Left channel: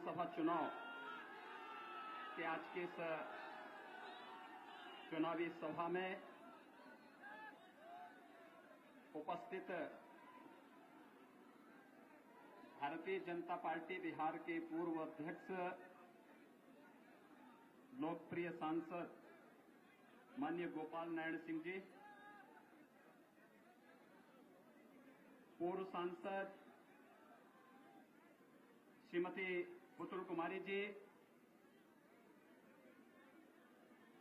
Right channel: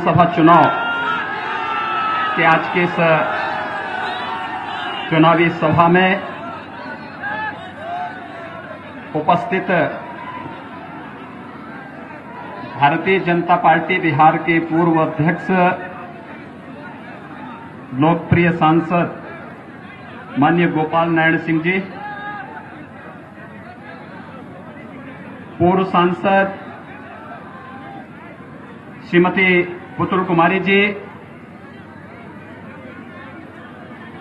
सभा चुनाव के आज के इस चुनावी सभा में उपस्थित भारतीय जनता पार्टी बिहार के पूर्व अध्यक्ष लोकप्रिय सांसद माननीय गोपाल नारायण सिंह जी, पूर्व सांसद श्रीमती पुतुल कुमारी जी,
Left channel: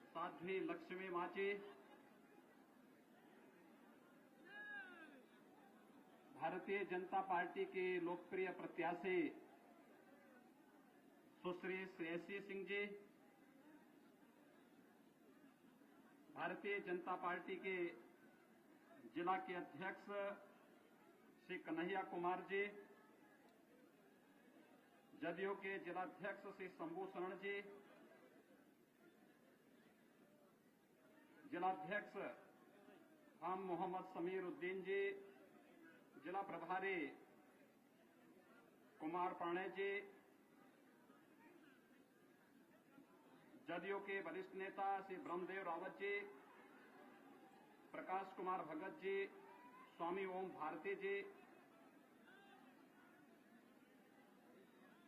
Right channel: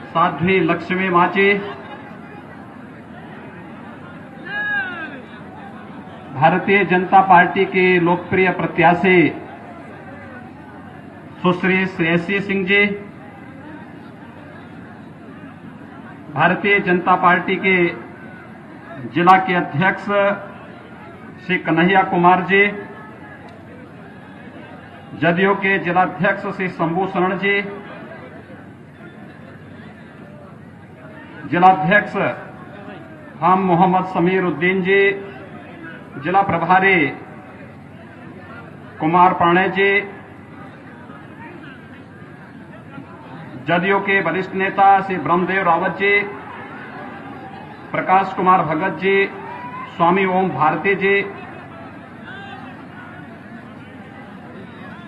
साध्वी लक्ष्मी माँ जी, भारतीय जनता पार्टी के लोकप्रिय प्रत्याशी सुश्री श्रेयसी सिंह जी, भारतीय जनता पार्टी के जिला के अध्यक्ष श्री कन्हैया कुमार जी, जदयू के जिलाध्यक्ष श्री शंभू शरण जी, जिलाध्यक्ष हम मोहम्मद समीर उद्दीन जी, जिला प्रभारी कुमार पाणे जी, जदयू के वरिष्ठ नेता श्री ब्रह्मदेव रावत जी, प्रकाश कुमार भगत जी, स्वामी ओम भारती जी,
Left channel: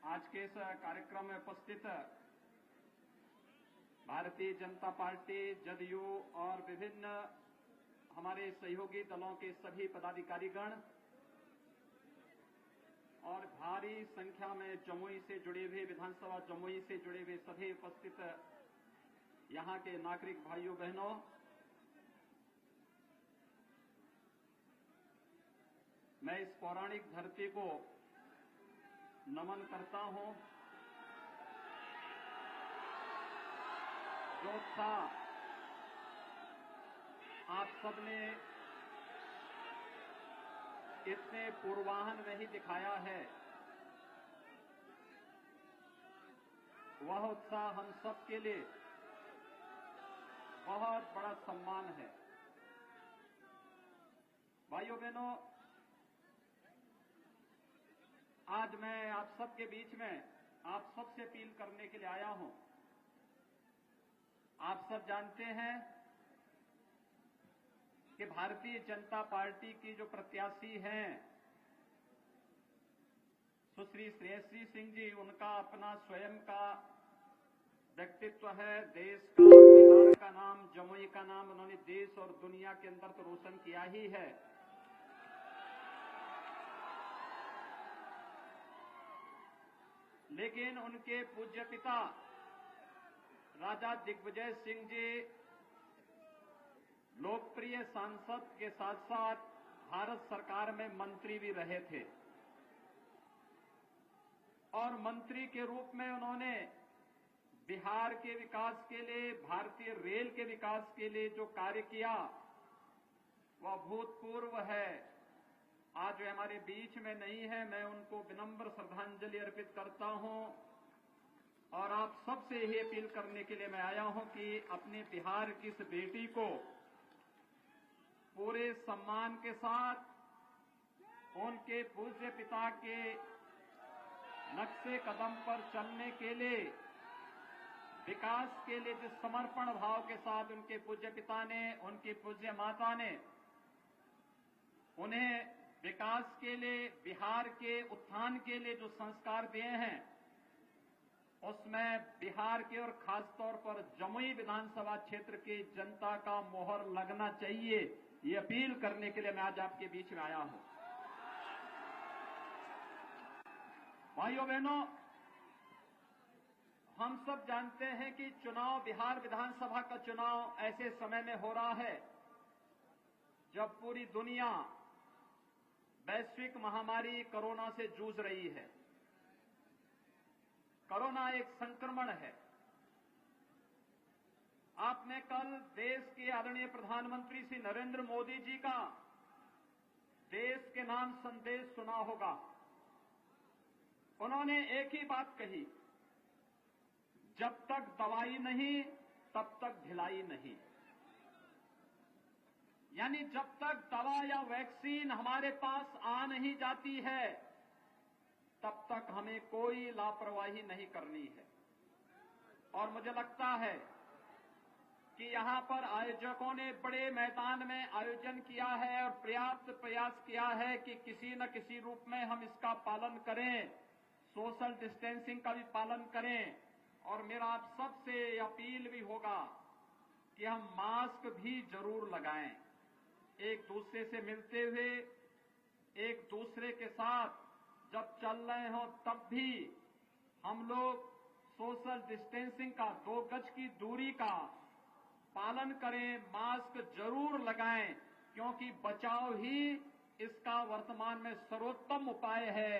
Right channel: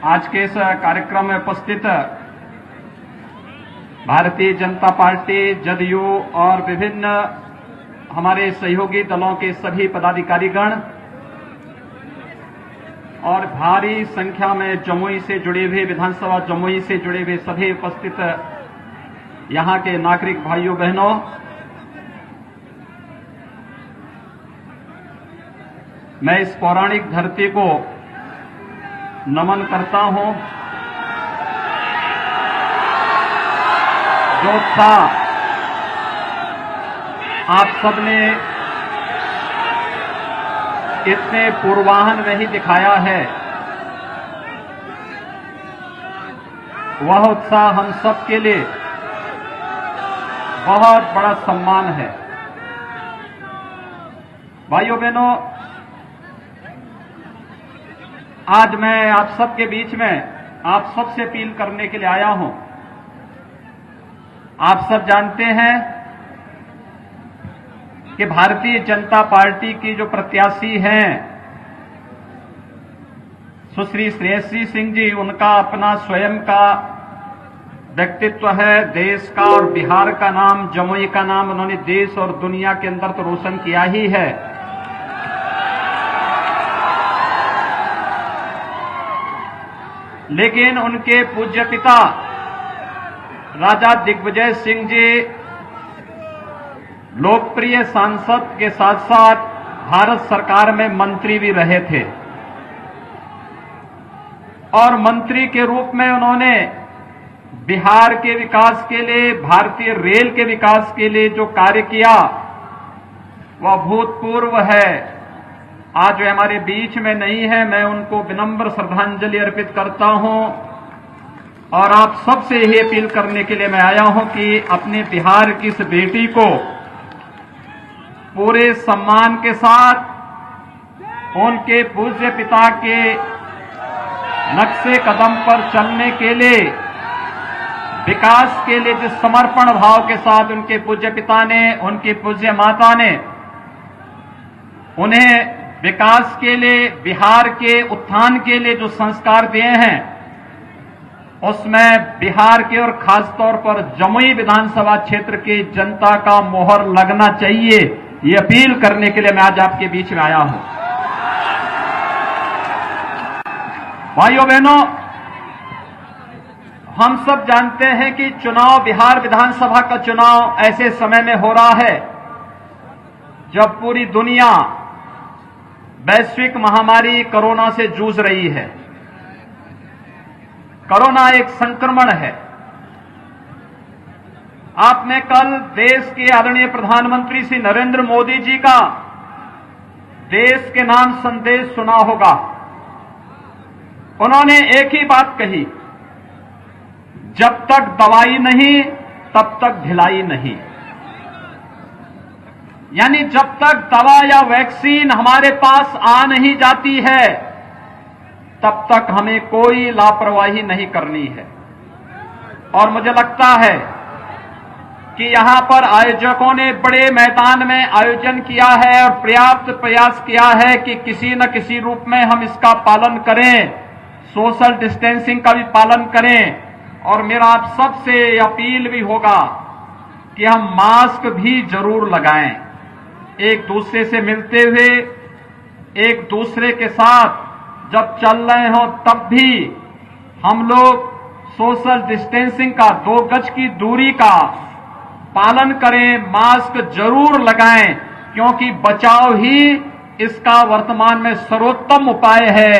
आज के इस कार्यक्रम में उपस्थित भारतीय जनता पार्टी, जदयू और विभिन्न हमारे सहयोगी दलों के सभी पदाधिकारीगण और भारी संख्या में जमुई से जुड़े हुए, विधानसभा जमुई से जुड़े हुए सभी उपस्थित यहां के नागरिक भाइयों बहनों, मैं इस पौराणिक धरती को नमन करता हूं जो उत्साह आप सबने इतने पूर्वाहन में ही दिखाया है, वह उत्साह हम सब के लिए बहुत बड़ा सम्मान है। भाइयों बहनों, आज मैं आप सबके बीच में आप सबसे अपील करने के लिए आया हूं। आप सब जानते हैं कि भारतीय जनता पार्टी की जो प्रत्याशी हैं सुश्री श्रेयसी सिंह जी, उनका अपना स्वयं का व्यक्तित्व है। देश का और बिहार का नाम, जमुई का नाम उन्होंने देश और दुनिया के अंदर तो रोशन किया ही है, लेकिन उनके पूज्य पिता राजा दिग्विजय सिंह जी लोकप्रिय सांसद के साथ साथ भारत सरकार में मंत्री भी रहे थे और मंत्री के रूप में उन्होंने बिहार के विकास के लिए, भारतीय रेल के विकास के लिए जो कार्य किया वह भूतपूर्व है। आज वे हमारे बीच में नहीं है, मैं उनको विनम्र श्रद्धांजलि अर्पित करता हूं और आप सबसे यही अपील करने के लिए मैं आया हूं कि अपने बिहार की इस बेटी को पूरे सम्मान के साथ उनके पूज्य पिता के नक्शे कदम पर चलने के लिए, विकास के लिए जिस समर्पण भाव के साथ उनके पूज्य पिता ने, उनकी पूज्य माता ने उन्हें विकास के लिए, बिहार के उत्थान के लिए जो संस्कार दिए हैं, उसमें बिहार के और खासतौर पर जमुई विधानसभा क्षेत्र की जनता का मोहर लगना चाहिए। ये अपील करने के लिए मैं आज आपके बीच में आया हूं। भाइयों बहनों, हम सब जानते हैं कि चुनाव, बिहार विधानसभा का चुनाव ऐसे समय में हो रहा है जब पूरी दुनिया वैश्विक महामारी कोरोना से जूझ रही है। कोरोना एक संक्रमण है। आपने कल देश के आदरणीय प्रधानमंत्री श्री नरेंद्र मोदी जी का देश के नाम संदेश सुना होगा। उन्होंने एक ही बात कही, जब तक दवाई नहीं तब तक ढिलाई नहीं। यानी जब तक दवा या वैक्सीन हमारे पास आ नहीं जाती है, तब तक हमें कोई लापरवाही नहीं करनी है। और मुझे लगता है कि यहां पर आयोजकों ने बड़े मैदान में आयोजन किया है और पर्याप्त प्रयास किया है कि किसी न किसी रूप में हम इसका पालन करें, सोशल डिस्टेंसिंग का भी पालन करें। और मेरा आप सबसे अपील भी होगा कि हम मास्क भी जरूर लगाएं। एक दूसरे से मिलते हुए, एक दूसरे के साथ जब चल रहे हो तब भी हम लोग सोशल डिस्टेंसिंग का, 2 गज की दूरी का पालन करें, मास्क जरूर लगाएं, क्योंकि बचाव ही इसका वर्तमान में सर्वोत्तम उपाय है।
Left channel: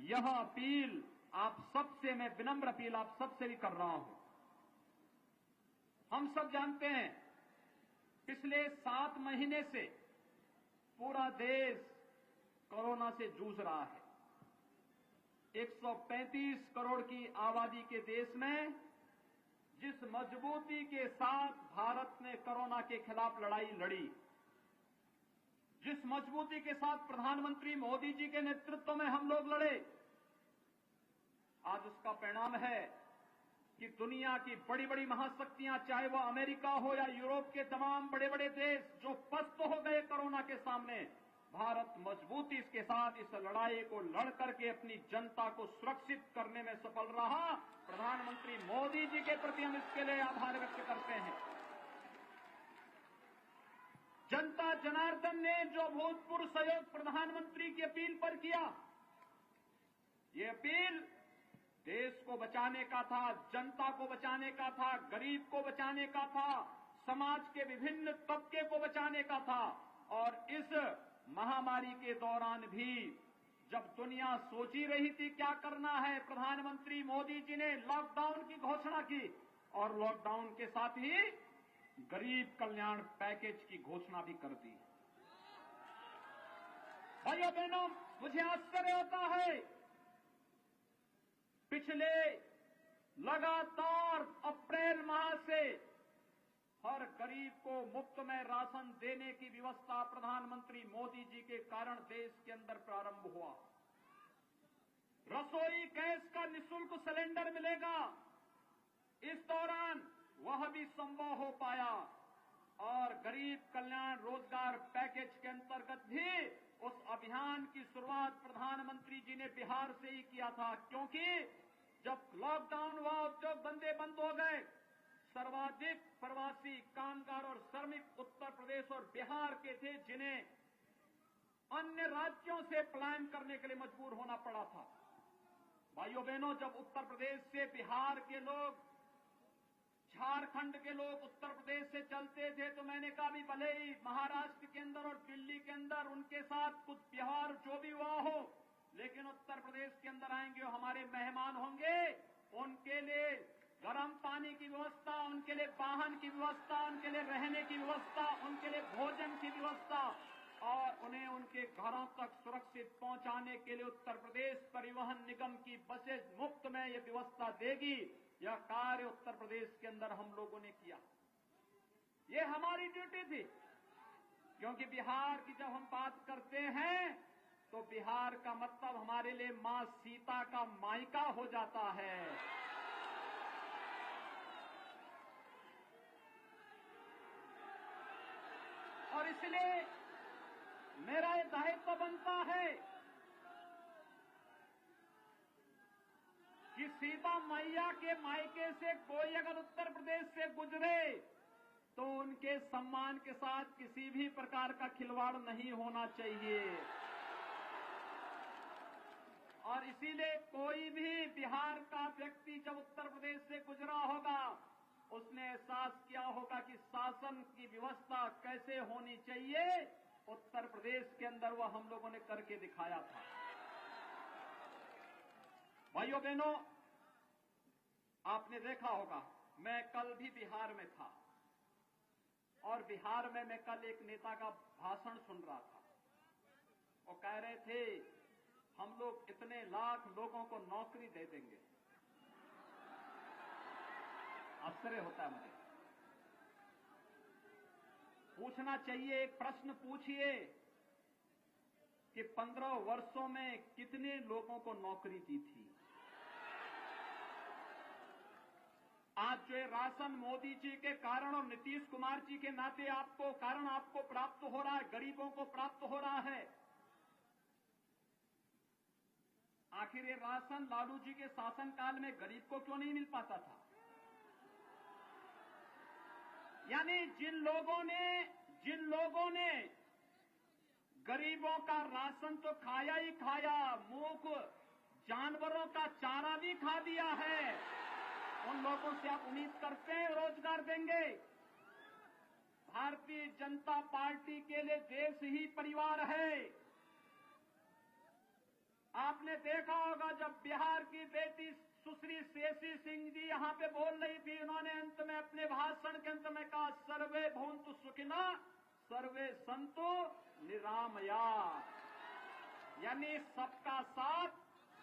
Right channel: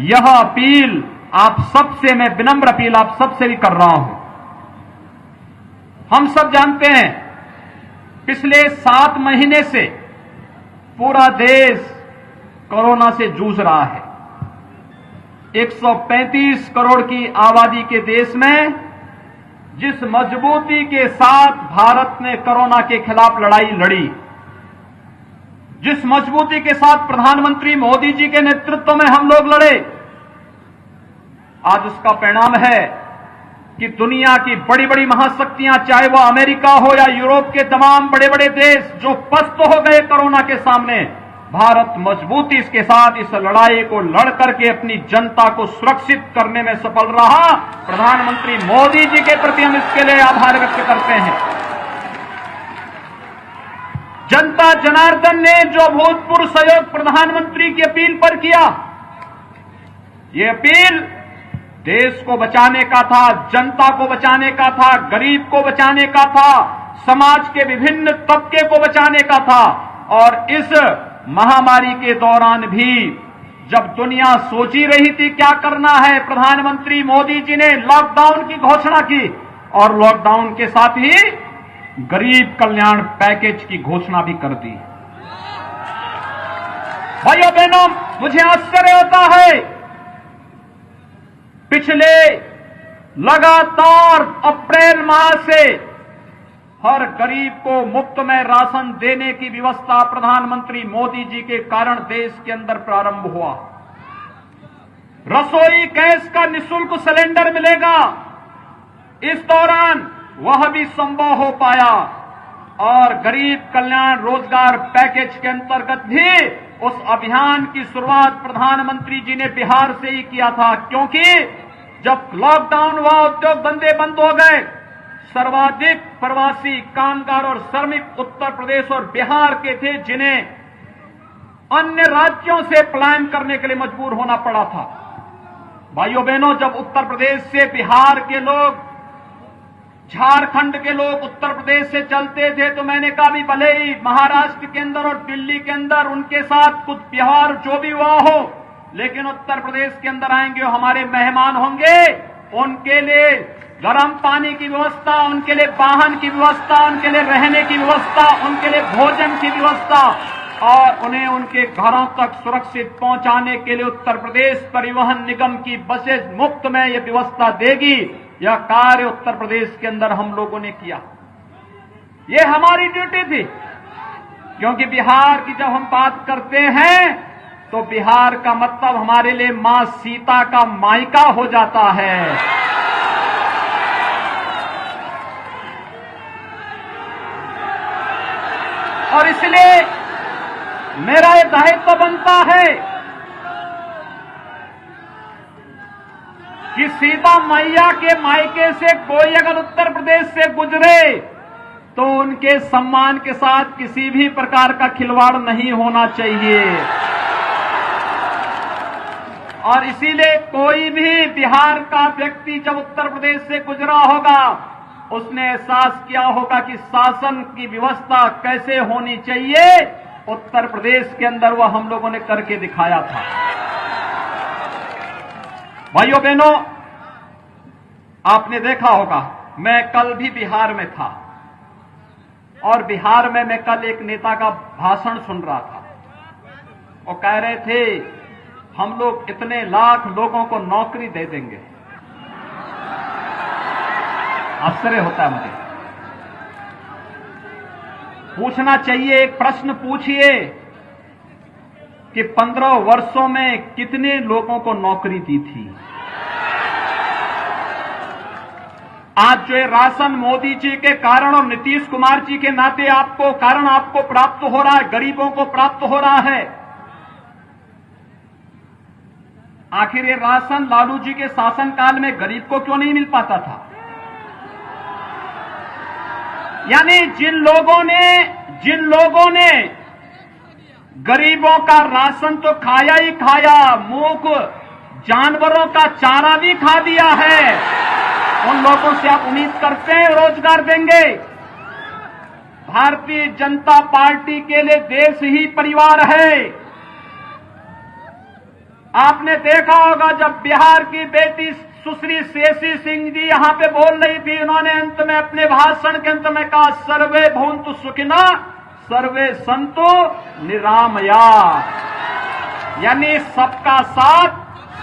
यह अपील आप सबसे, मैं विनम्र अपील आप सबसे भी कर रहा हूं। हम सब जानते हैं पिछले 7 महीने से पूरा देश कोरोना से जूझ रहा है। 135 करोड़ की आबादी के देश में जिस मजबूती के साथ भारत ने कोरोना के खिलाफ लड़ाई लड़ी, जिस मजबूती के साथ प्रधानमंत्री मोदी जी के नेतृत्व में हम लोग लड़े, आज उसका परिणाम है कि दुनिया की बड़ी बड़ी महाशक्तियां, चाहे वह अमेरिका हो या यूरोप के तमाम बड़े बड़े देश, जो पस्त हो गए कोरोना के सामने, भारत मजबूती के साथ इस लड़ाई को लड़ करके अपनी जनता को सुरक्षित करने में सफल रहा। प्रधानमंत्री मोदी जी के प्रति हम इसके लिए आभार व्यक्त करते हैं। जनता जनार्दन ने जो अभूतपूर्व सहयोग प्रधानमंत्री की अपील पर किया, ये अपील देश को बचाने का था, जनता को बचाने का था, गरीब को बचाने का था, समाज के विभिन्न तबके को बचाने का था। और इस महामारी के दौरान भी जब दुनिया सोची रही थी क्या करना है, प्रधानमंत्री मोदी जी ने लॉकडाउन की घोषणा की और लॉकडाउन के साथ ही गरीब कल्याण पैकेज की घोषणा भी कर दी। भाइयों बहनों, मुझे आश्चर्य होता है, पिछले लगातार अप्रैल माह से हर गरीब को मुफ्त में राशन देने की व्यवस्था प्रधानमंत्री मोदी जी के कारण देश के अंदर प्रारंभ हुआ। रसोई गैस का निःशुल्क सिलेंडर मिलेगा, इस दौरान वह भी संभव हो पाया। और गरीब कल्याण रोजगार पैकेज के अंतर्गत भी उस अभियान की शुरुआत प्रधानमंत्री जी ने बिहार से ही किया था, क्योंकि जब लॉकडाउन हुआ, उद्योग धंधे बंद हो गए, सर्वाधिक प्रवासी कामगार और श्रमिक उत्तर प्रदेश और बिहार के थे, जिन्हें अन्य राज्यों से पलायन करने के लिए मजबूर होना पड़ा था। भाइयों बहनों, जब उत्तर प्रदेश से बिहार के लोग, झारखंड के लोग उत्तर प्रदेश से चलते थे, तो मैंने कहा भी भले ही महाराष्ट्र के अंदर और दिल्ली के अंदर उनके साथ कुछ व्यवहार जो भी हुआ हो, लेकिन उत्तर प्रदेश के अंदर आएंगे, हमारे मेहमान होंगे, उनके लिए गर्म पानी की व्यवस्था, उनके लिए वाहन की व्यवस्था, उनके लिए रहने की व्यवस्था, उनके लिए भोजन की व्यवस्था और उन्हें उनके घरों तक सुरक्षित पहुंचाने के लिए उत्तर प्रदेश परिवहन निगम की बसें मुफ्त में यह व्यवस्था देगी। यह कार्य उत्तर प्रदेश के अंदर हम लोगों ने किया। ये हमारी ड्यूटी थी, क्योंकि बिहार की जब हम बात करते हैं तो बिहार का मतलब हमारे लिए मां सीता का मायका हो जाता है। और इसलिए मेरा ये दायित्व बनता है कि सीता मैया के मायके से कोई अगर उत्तर प्रदेश से गुजरे तो उनके सम्मान के साथ किसी भी प्रकार का खिलवाड़ नहीं होना चाहिए। और इसीलिए कोई भी बिहार का व्यक्ति जब उत्तर प्रदेश से गुजरा होगा, उसने एहसास किया होगा कि शासन की व्यवस्था कैसे होनी चाहिए। उत्तर प्रदेश के अंदर वह हम लोगों ने करके दिखाया था। भाइयों बहनों, आपने देखा होगा, मैं कल भी बिहार में था और बिहार में मैं कल एक नेता का भाषण सुन रहा था। वो कह रहे थे हम लोग इतने लाख लोगों को नौकरी दे देंगे। आश्चर्य होता है मुझे। पूछना चाहिए, एक प्रश्न पूछिए कि 15 वर्षों में कितने लोगों को नौकरी दी थी। आज जो राशन मोदी जी के कारण और नीतीश कुमार जी के नाते आपको प्राप्त हो रहा है, गरीबों को प्राप्त हो रहा है। आखिर ये राशन लालू जी के शासनकाल में गरीब को क्यों नहीं मिल पाता था? यानी जिन लोगों ने गरीबों का राशन तो खाया ही खाया, मूक जानवरों का चारा भी खा दिया है, उन लोगों से आप उम्मीद करते हैं रोजगार देंगे? भारतीय जनता पार्टी के लिए देश ही परिवार है। आपने देखा होगा जब बिहार की बेटी सुश्री शेषी सिंह जी यहां पे बोल रही थी, उन्होंने अंत में अपने भाषण के अंत में कहा, सर्वे भवन्तु सुखिनः सर्वे सन्तु निरामया। यानी सबका साथ,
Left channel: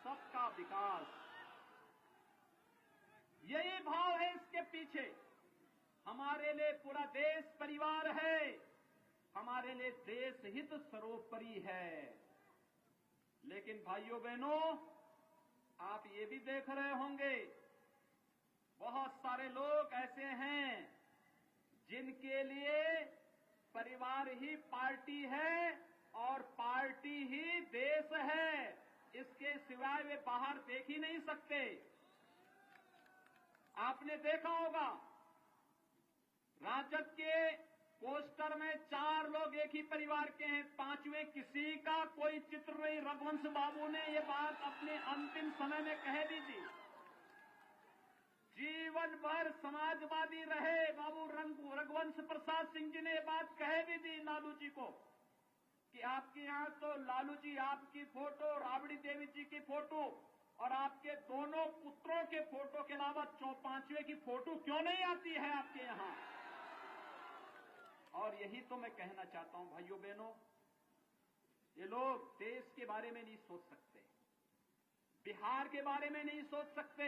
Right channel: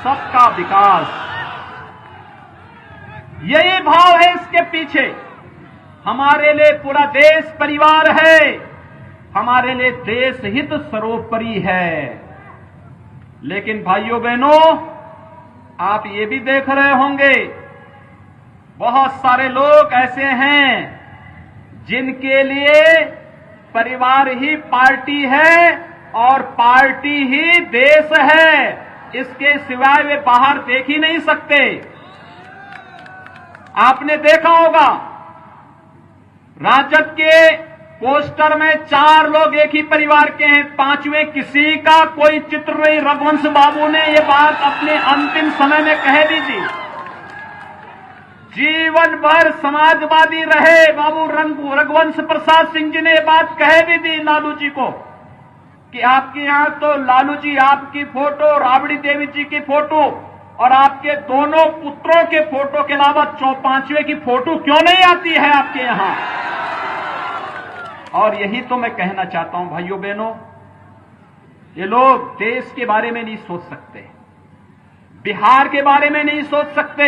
सबका विकास, यही भाव है इसके पीछे। हमारे लिए पूरा देश परिवार है, हमारे लिए देश हित सर्वोपरि है। लेकिन भाइयों बहनों, आप ये भी देख रहे होंगे बहुत सारे लोग ऐसे हैं जिनके लिए परिवार ही पार्टी है और पार्टी ही देश है, इसके सिवाय वे बाहर देख ही नहीं सकते। आपने देखा होगा राजद के पोस्टर में 4 लोग एक ही परिवार के हैं, 5वें किसी का कोई चित्र नहीं। रघुवंश बाबू ने ये बात अपने अंतिम समय में कह दी थी, जीवन भर समाजवादी रहे बाबू रघुवंश प्रसाद सिंह जी ने ये बात कह भी दी लालू जी को कि आपके यहां तो लालू जी आपकी फोटो, राबड़ी देवी जी की फोटो और आपके दोनों पुत्रों के फोटो के अलावा 5वें की फोटो क्यों नहीं आती है आपके यहां? और यही तो मैं कहना चाहता हूं भाइयों बहनों, ये लोग देश के बारे में नहीं सोच सकते, बिहार के बारे में नहीं सोच सकते।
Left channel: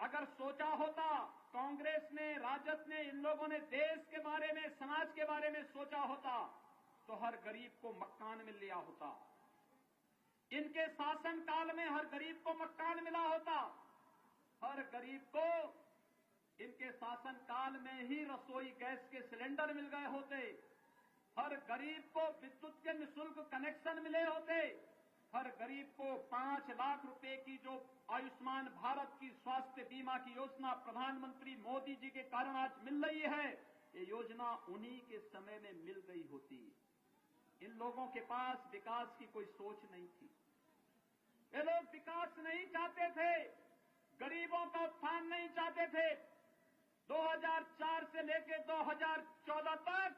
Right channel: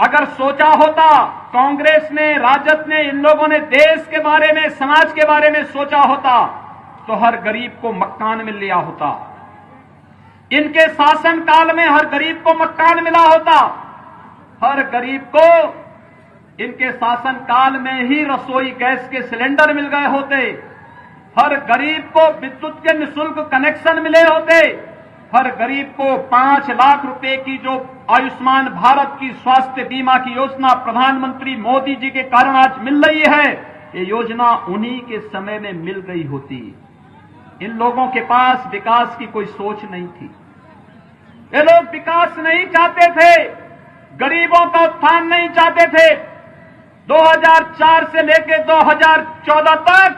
अगर सोचा होता, कांग्रेस ने, राजद ने, इन लोगों ने देश के बारे में, समाज के बारे में सोचा होता तो हर गरीब को मकान मिल लिया होता। इनके शासनकाल में हर गरीब को मकान मिला होता, हर गरीब को इनके शासनकाल में ही रसोई गैस के सिलेंडर मिल गए होते, हर गरीब को विद्युत के निःशुल्क कनेक्शन मिले होते, हर गरीब को 5 लाख रुपए की जो आयुष्मान भारत की स्वास्थ्य बीमा की योजना प्रधानमंत्री मोदी जी के कारण आज मिल रही है, ये योजना उन्हीं के समय में मिल गई होती। इन लोगों के पास विकास की कोई सोच नहीं थी, ये लोग विकास नहीं चाहते थे, गरीबों का उत्थान नहीं चाहते थे। 2004 से लेकर 2014 तक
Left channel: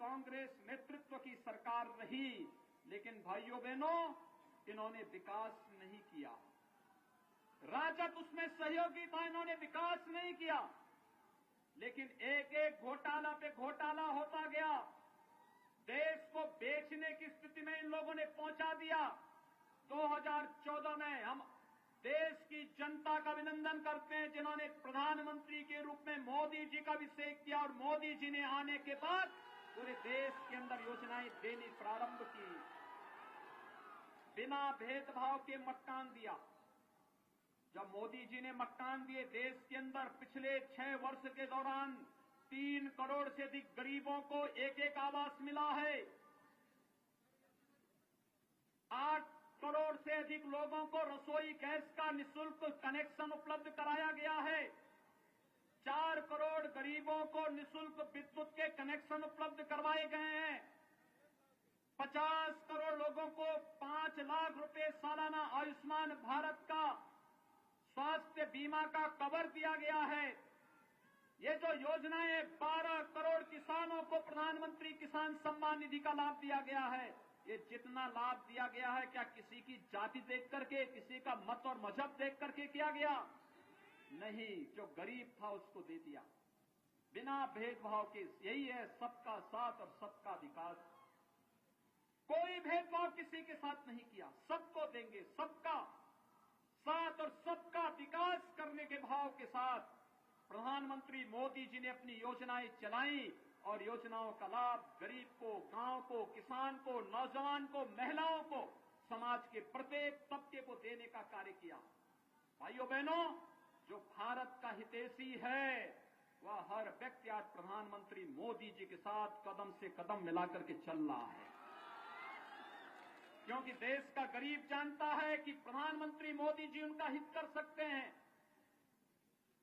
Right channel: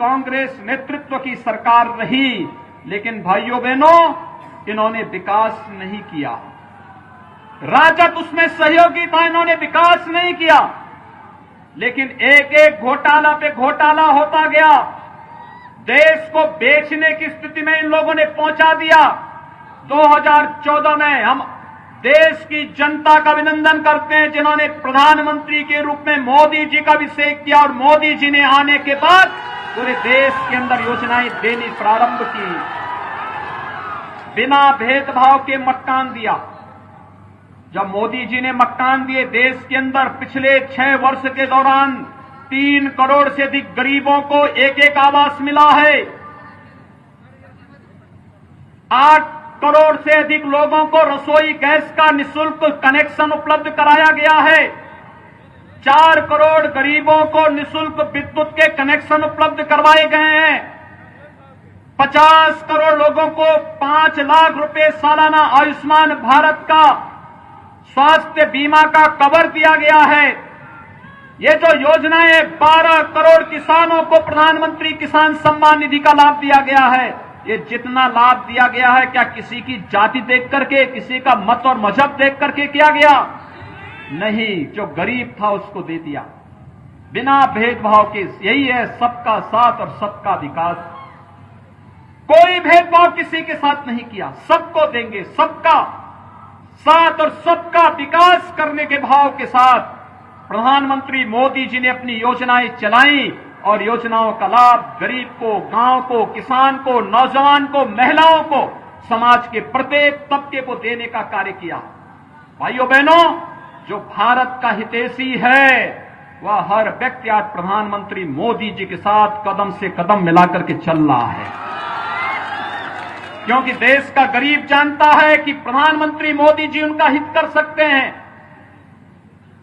कांग्रेस नेतृत्व की सरकार रही, लेकिन भाइयों बहनों इन्होंने विकास नहीं किया। राजद उसमें सहयोगी था, इन्होंने विकास नहीं किया। लेकिन एक एक घोटाला पे घोटाला होता गया, देश को बेचने की स्थिति में इन लोगों ने पहुंचा दिया। 2014 में हम देश की जनता का अभिनंदन करते हैं जिन्होंने प्रधानमंत्री के रूप में मोदी जी का अभिषेक किया और मोदी जी ने आने के बाद पूरे देश के अंदर योजनाएं देनी प्रारंभ की, बिना भेदभाव के मकान दिया। जब मोदी जी ने मकान दिए देश के अंदर, पिछले 6 वर्ष के दौरान 3 करोड़ से अधिक गरीबों को एक आवास मिला है, 8 करोड़ से अधिक लोगों को रसोई गैस का निःशुल्क कनेक्शन उपलब्ध कराया गया है, 4 करोड़ गरीबों को निःशुल्क विद्युत के कनेक्शन उपलब्ध करवाए गए हैं, 50 करोड़ लोगों को 5 लाख रुपए सालाना आयुष्मान भारत का स्वास्थ्य बीमा का कवर दिया गया है। ये जो योजनाएं 12 करोड़ किसानों को प्रधानमंत्री किसान सम्मान निधि का लाभ दिया गया है, ये जितना लाभ दिया गया है क्या किसी की जाति देख करके, किसी का मत और मजहब देख करके किया गया? नहीं, जो गरीब था उसको दे दिया बिना भेदभाव के। यही है सबका साथ और सबका विकास। कोई भेदभाव किसी के साथ नहीं किया, सबको देंगे, सबका साथ और सबका विकास करने के भाव के साथ प्रधानमंत्री मोदी जी ने अपनी योजनाएं चलाई और योजनाओं का लाभ गरीब को, गांव को, किसान को, नौजवान को, महिलाओं को, समाज के प्रत्येक तबके को देने का कार्य किया। भाइयों बहनों, जो भारत का हितैषी है वह हर व्यक्ति आज प्रधानमंत्री मोदी जी के साथ कदम से कदम मिलाकर के चल रहा है, क्योंकि देश का गरीब जानता है कि प्रधानमंत्री मोदी जी उनका हित कर सकते हैं।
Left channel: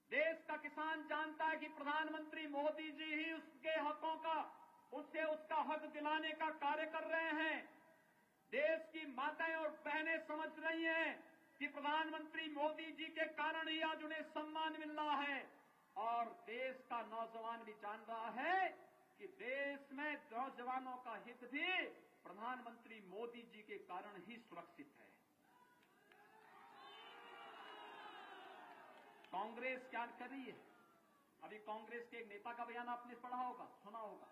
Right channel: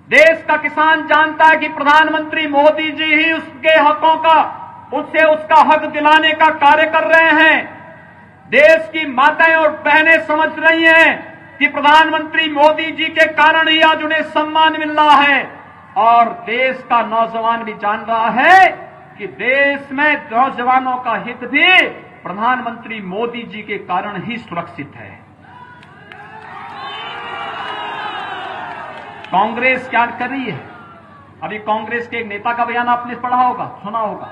देश का किसान जानता है कि प्रधानमंत्री मोदी जी ही उसके हकों का, उससे उसका हक दिलाने का कार्य कर रहे हैं। देश की माताएं और बहनें समझ रही हैं कि प्रधानमंत्री मोदी जी के कारण ही आज उन्हें सम्मान मिल रहा है, और देश का नौजवान भी जान रहा है कि देश में नौजवानों का हित भी प्रधानमंत्री मोदी जी के कारण ही सुरक्षित है। कांग्रेस क्या कर रही है? अभी कांग्रेस के एक नेता का बयान आपने पढ़ा होगा, सुना होगा।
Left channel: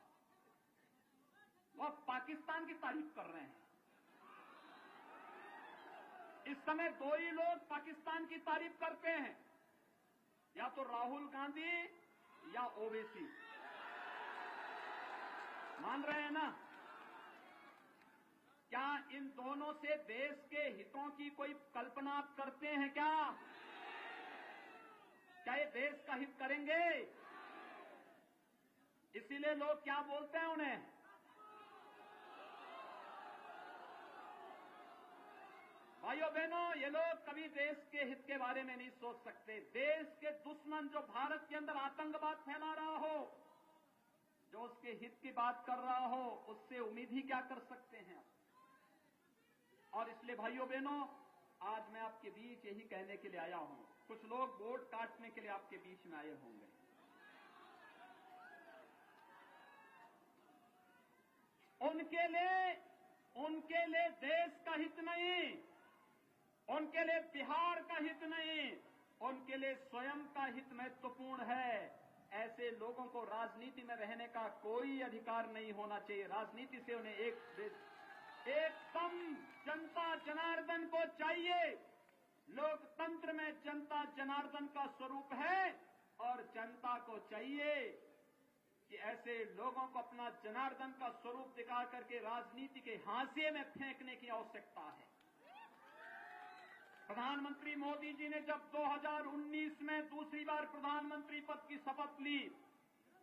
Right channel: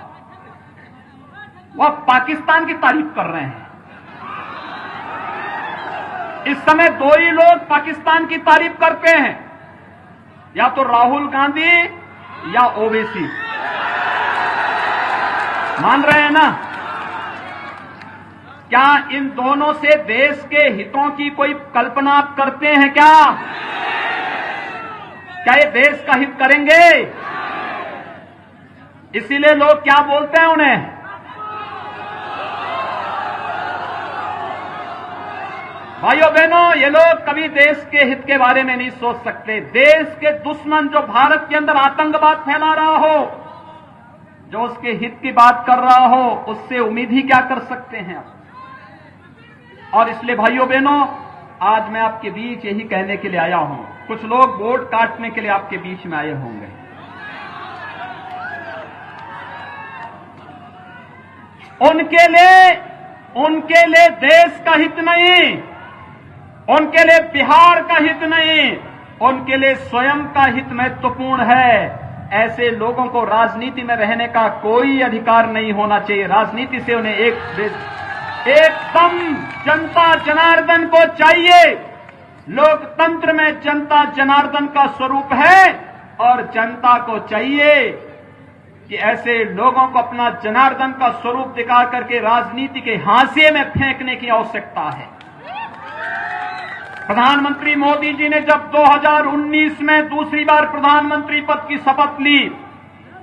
वह पाकिस्तान की तारीफ कर रहे हैं। इस समय दो ही लोग पाकिस्तान की तारीफ करते हैं, या तो राहुल गांधी या ओवैसी। मान रहे हैं ना? क्या इन दोनों से देश के हितों की कोई कल्पना आप करते हैं क्या? क्या ये देश का हित करेंगे? इसीलिए लोग क्या बोलते हैं उन्हें? भाइयों बहनों, ये लोग कभी देश के हित के बारे में नहीं सोच सकते। देश के दुश्मन जो भारत के अंदर आतंकवाद फैला रहा हो, जो उसके हित की बात कर रहा हो, उससे उम्मीद ही क्या कर सकते हैं? और इसलिए भाइयों बहनों, आज मैं आपके बीच यही कहने के लिए आया हूं। कुछ लोग वोट काटने के लिए आपके बीच में आए होंगे। उनके लिए देश का हित नहीं, उनके लिए बिहार का हित नहीं, उनके लिए स्वयं का हित महत्वपूर्ण है। ऐसे लोगों को राजनीति में रहने का कोई अधिकार नहीं होना चाहिए। राजनीति से उन्हें एकदम जनता जनार्दन को चाहिए। लोकतंत्र में जनता जनार्दन का स्वरूप है, और जनता को चाहिए कि ऐसे लोगों को अपना जनार्दन का स्वरूप दिखा करके राजनीति के हाशिए में फेंकने की आवश्यकता है। प्रधानमंत्री मोदी जी ने जब 2019 में दूसरी बार प्रधानमंत्री पद की शपथ ली,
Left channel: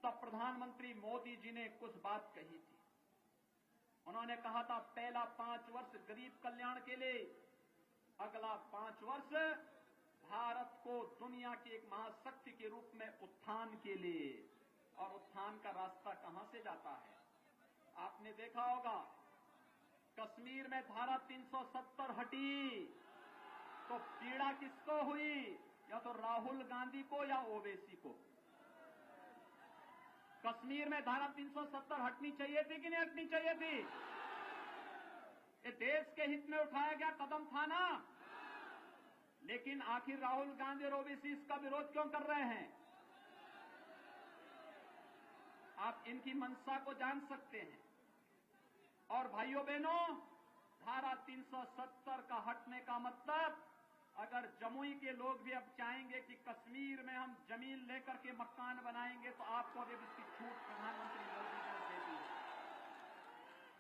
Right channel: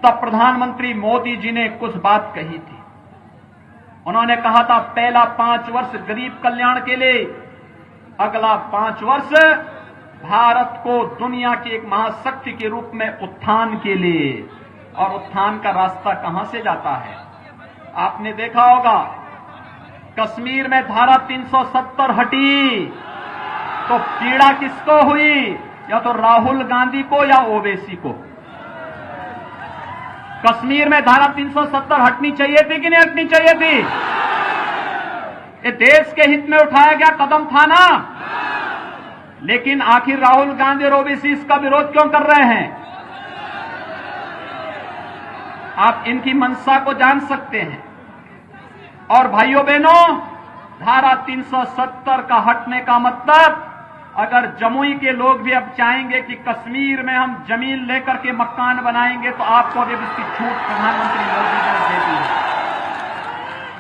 तब प्रधानमंत्री मोदी जी ने कुछ बात कही थी। उन्होंने कहा था, पहला 5 वर्ष गरीब कल्याण के लिए, अगला 5 वर्ष भारत को दुनिया की एक महाशक्ति के रूप में उत्थान के लिए। और उत्थान का रास्ता कहां से जाता है? आपने देखा होगा, कश्मीर में धारा 370 हटी तो पीड़ा किसको हुई? या तो राहुल गांधी को या ओवैसी को। कश्मीर में धारा 370 हटनी चाहिए थी कि नहीं हटनी चाहिए थी? ये देश के हित में उठाया गया कदम था ना। लेकिन आखिर राहुल गांधी और ओवैसी इसका विरोध क्यों कर रहे हैं? आप इनकी मंशा को जान सकते हैं। और भाइयों बहनों, धारा 370 का हटने का मतलब, अगर जमुई के लोग भी अब चाहेंगे कि कश्मीर में हम जमीन लेकर के मकान बनाएंगे, तो आपको अब इसकी छूट प्रधानमंत्री मोदी जी ने दे दी है।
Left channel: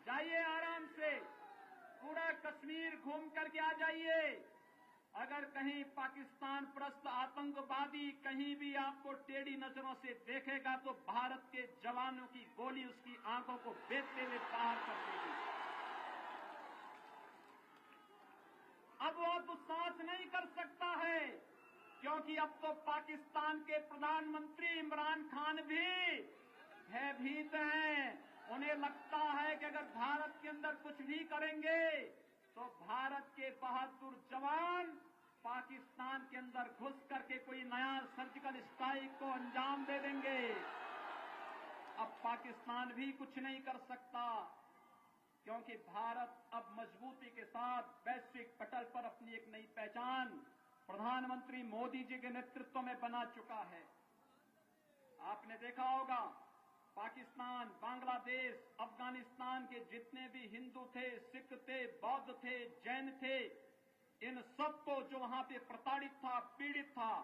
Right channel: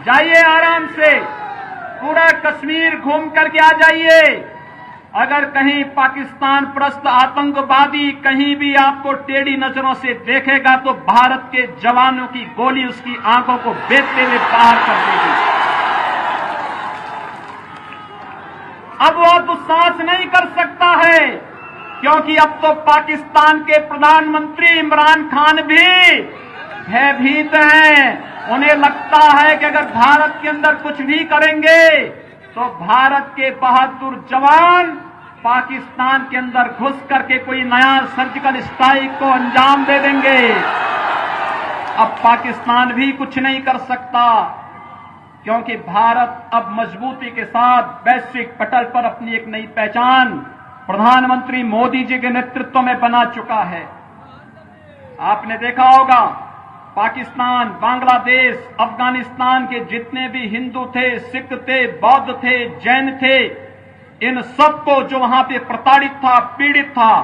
जाइए आराम से, पूरा कश्मीर घूम करके आ जाइए। अगर कहीं पाकिस्तान परस्त आतंकवादी कहीं भी आपको टेढ़ी नजरों से देखेगा, तो भारत के जवानों की गोली उसकी आंखों को बेचते हुए बाहर कर देगी। अब वह दुस्साहस नहीं कर सकता है, क्योंकि अब तो पाकिस्तान के प्रधानमंत्री इमरान खान भी भयभीत हैं। उन्हें लगता है कि अगर भारत के अंदर कुछ भी करेंगे तो भारत के बहादुर जवान पाकिस्तान के अंदर घुस करके कोई नया सर्जिकल स्ट्राइक को अंजाम दे देंगे। अब पाकिस्तान भी कुछ नहीं कर सकता, क्योंकि भारत अब मजबूती के साथ वैश्विक पटल पर अपनी एक नई पहचान प्रधानमंत्री मोदी जी के नेतृत्व में बना चुका है। आपने देखा होगा, पाकिस्तान, बांग्लादेश, अफगानिस्तान के जितने भी हिंदू थे, सिख थे, बौद्ध थे, जैन थे, इन सबको जो वहां पे प्रताड़ित था, पीड़ित था,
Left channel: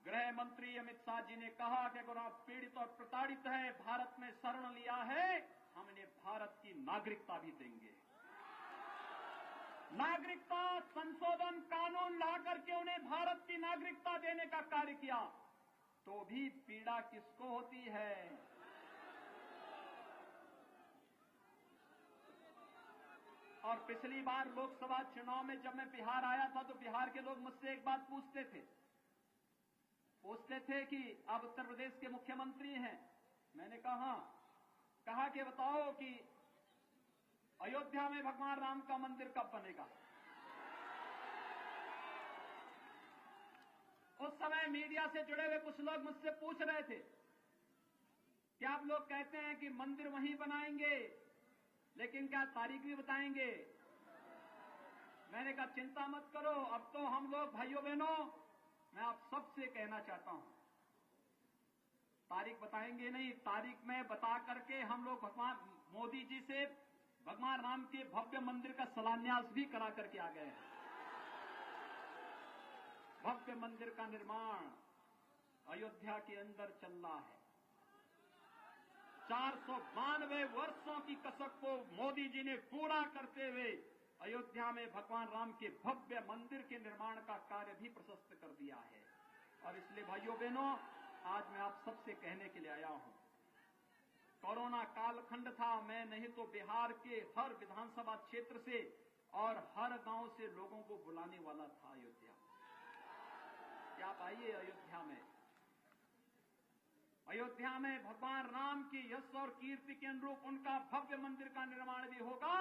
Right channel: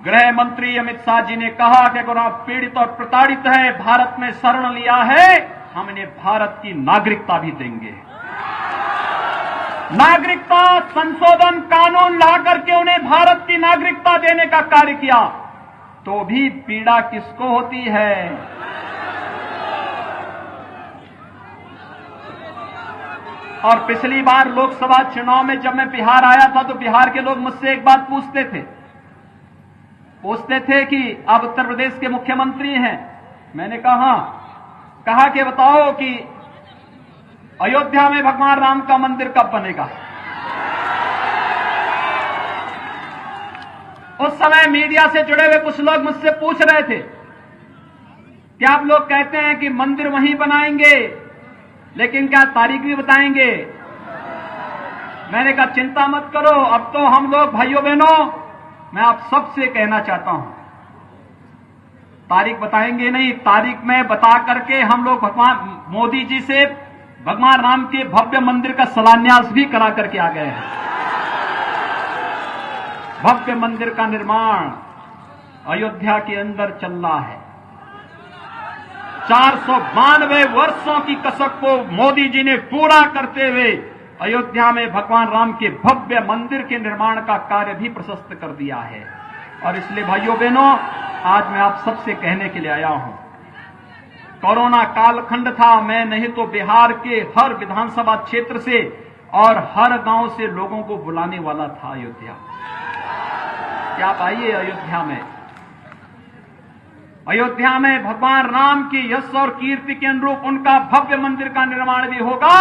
गृह मंत्री अमित शाह जी ने कहा कि अगर आप पीड़ित और प्रताड़ित हैं, भारत में शरण लिया है, हम इन्हें भारत की नागरिकता भी देंगे। नागरिकता संशोधन कानून ला करके उन्हें भारत की नागरिकता देने का कार्य किया, तो भी पीड़ा किसको होती है? और पिछली बार लोकसभा चुनाव में जब मैं बिहार आया था तो बिहार के लोग मुझसे एक बात पूछते थे कि आप उत्तर प्रदेश के मुख्यमंत्री हैं। मैंने कहा कि बताओ कि अयोध्या में भगवान राम का मंदिर कब बनेगा? उस समय मीडिया से जुड़े हुए कुछ लोग मुझसे पूछ रहे थे कि आप लोग कहते हैं कि मंदिर वहीं बनाएंगे, लेकिन क्या तारीख भी बताएंगे? मैंने कहा चिंता मत करो, अब तो हम लोग भाइयों बहनों, मैं आप सबसे कहना चाहता हूं, तारीख बताएंगे नहीं, तारीख में बता करके हम लोग भगवान मोदी जी से भगवान राम के भव्य मंदिर का शिलान्यास भी करा करके आ गए हैं। भव्य मंदिर का निर्माण अयोध्या के अंदर चल रहा है। 492 वर्षों की कसक को मोदी जी ने पूरा करते हुए अयोध्या में भगवान राम के भव्य मंदिर के निर्माण का कार्य भी प्रशस्त कर दिया है। और इसलिए भाइयों बहनों, आज मैं आप सबसे कहने के लिए आया हूं, कोरोना कालखंड था, मैं नहीं तो बिहार के हर विधानसभा क्षेत्र से और हर गांव से लोगों को बुलाने वाला था अयोध्या। क्या आप आइए अयोध्या में भगवान राम की यश और कीर्ति के अनुरूप उनका भव्य मंदिर का निर्माण भी होगा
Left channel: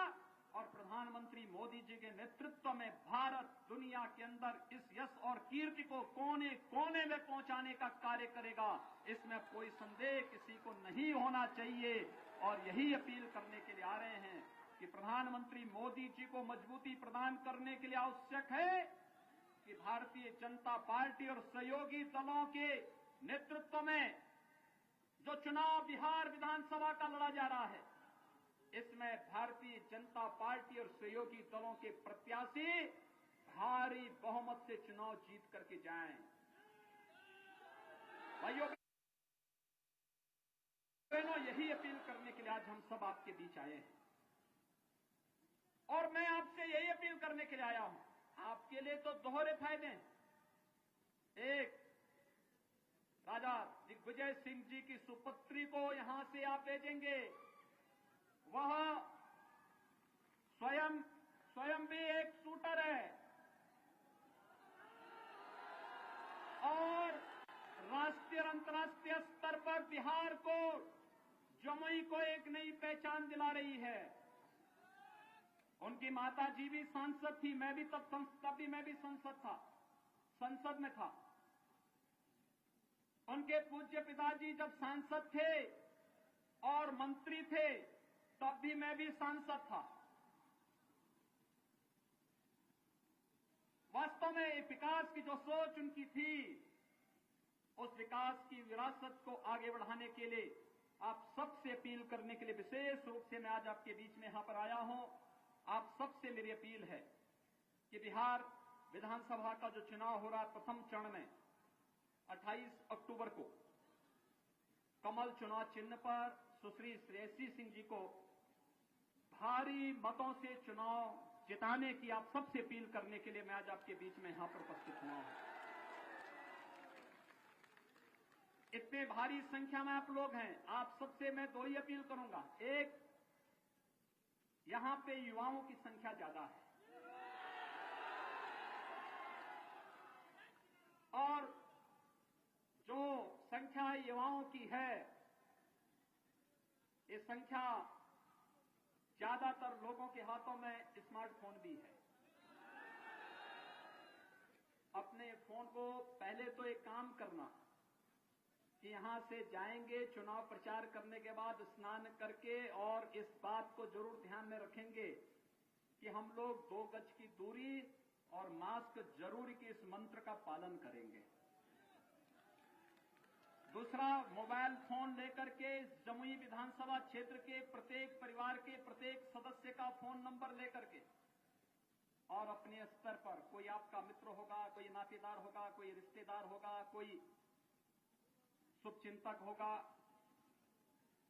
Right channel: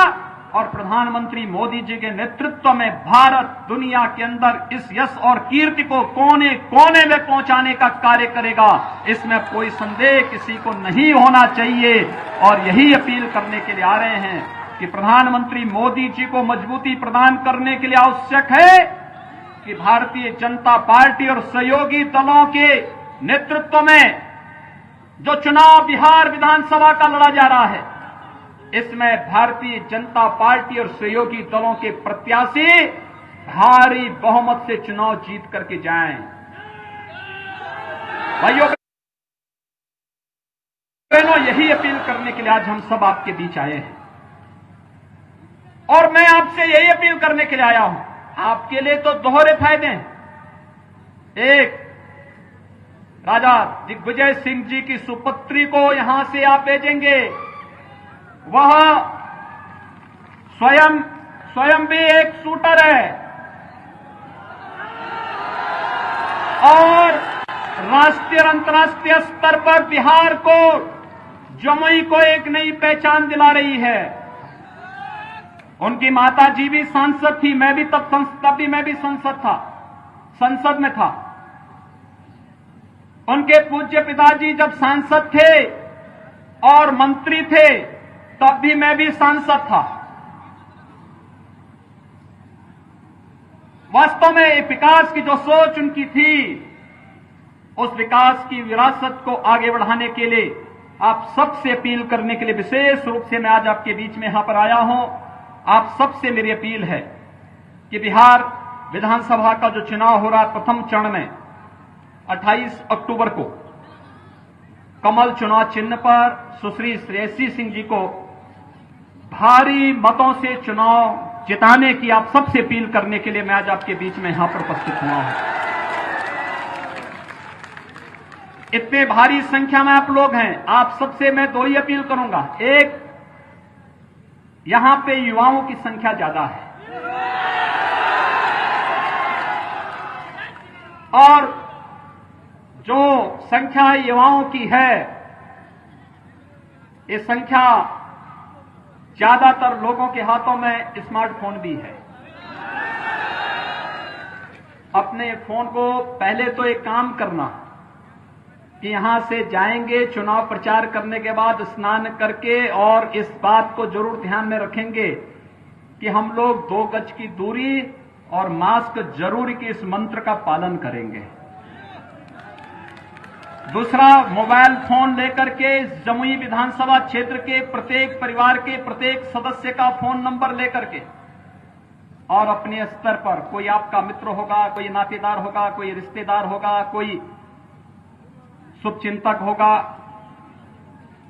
और प्रधानमंत्री मोदी जी के नेतृत्व में भारत दुनिया के अंदर इस यश और कीर्ति को कोने कोने में पहुंचाने का कार्य करेगा। इसमें कोई संदेह किसी को नहीं होना चाहिए। और यही अपील करने के लिए आ रहे हैं कि प्रधानमंत्री मोदी जी को मजबूती प्रदान करने के लिए आवश्यक है कि भारतीय जनता पार्टी और सहयोगी दलों के नेतृत्व में जो चुनाव बिहार विधानसभा का लड़ा जा रहा है, इसमें भारतीय जनता पार्टी और सहयोगी दलों के प्रत्याशी भारी बहुमत से चुनाव जीत करके जाएं। भाइयों बहनों, यही अपील करने के लिए आज हम सब आपके बीच आए हैं। और मैं आपसे यही अपील करने के लिए आया हूं, आपके लिए तो दोहरे फायदे हैं। एक, राजा दिग्विजय सिंह जी की सुपुत्री को यहां से आप भेजेंगे, वह स्वयं भी एक शूटर है और राष्ट्रीय और अंतर्राष्ट्रीय स्तर पर बिहार को, जमुई को एक नई पहचान दिला रही है। उनकी माता जी भी सांसद थी, मैं भी तब भी संसद में था। उनके पूज्य पिताजी जब सांसद थे और मंत्री थे, तब भी मैं भी सांसद था। वास्तव में विकास की जो सोच उनकी थी, उस विकास की विरासत को आगे बढ़ाने के लिए आप सबसे अपील करने के लिए विशेष रूप से मैं आज आपके बीच में यहां पर आया हूं। आप सबसे मेरी अपील है कि बिहार विधानसभा का जो चुनाव हो रहा है प्रथम चरण में 28 अक्टूबर को कमल चुनाव चिन्ह पर सुश्री श्रेयसी सिंह जी को भारी मतों से चुनाव जिताने की आप सबसे अपील करने के लिए मैं आज आपके बीच में यहां पर उपस्थित हुआ हूं। इतने भारी संख्या में आप लोग हैं, आप सबसे मैं दो ही अपील करूंगा। एक, यहां पे युवाओं की संख्या ज्यादा है और जो संख्या युवाओं की है, ये संख्या ज्यादातर लोगों के हाथों में स्मार्टफोन भी है। अपने फोन को पहले तो एक काम करना कि यहां से जाएंगे चुनाव प्रचार करने के बाद स्नान करके, और इस बात को जरूर ध्यान में रखेंगे कि हम लोग 2 गज की दूरी और मास्क जरूरी के इस मंत्र का पालन करेंगे। दूसरा, मोबाइल फोन लेकर के जमुई विधानसभा क्षेत्र के प्रत्येक परिवार के प्रत्येक सदस्य का फोन नंबर लेकर के और अपने स्तर पर कोई आपका मित्र होगा, कोई नातेदार होगा, कोई रिश्तेदार होगा, कोई शुभचिंतक होगा,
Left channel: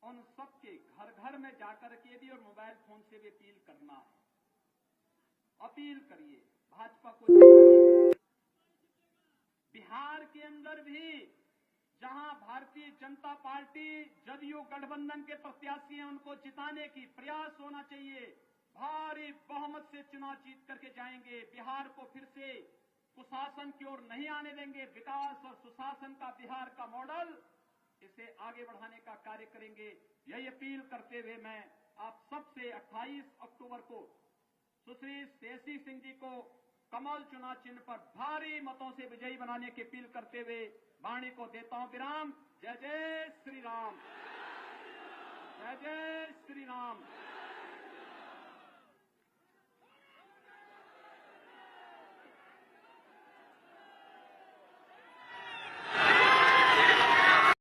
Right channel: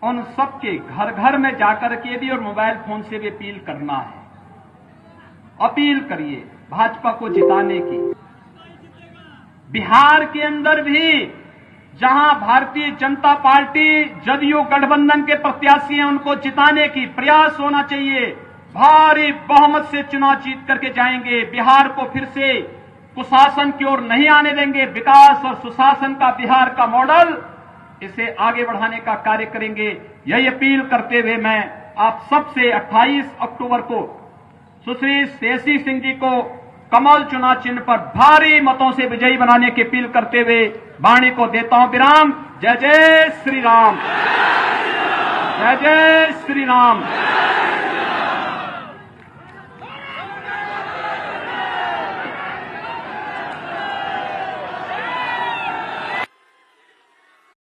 उन सबके घर घर में जाकर के भी और मोबाइल फोन से भी अपील करना है। अपील करिए भाजपा को जिताने की। बिहार के अंदर भी जहां भारतीय जनता पार्टी जदयू गठबंधन के प्रत्याशी हैं, उनको जिताने की प्रयास होना चाहिए। भारी बहुमत से चुनाव जीत करके जाएंगे। बिहार को फिर से कुशासन की ओर नहीं आने देंगे। विकास और सुशासन का बिहार का मॉडल, इसे आगे बढ़ाने का कार्य करेंगे। यही अपील करते हुए मैं आप सबसे 28 अक्टूबर को सुश्री श्रेयसी सिंह जी को कमल चुनाव चिन्ह पर भारी मतों से विजयी बनाने की अपील करते हुए वाणी को देता हूं विराम। जय जय श्री राम, जय जय श्री राम।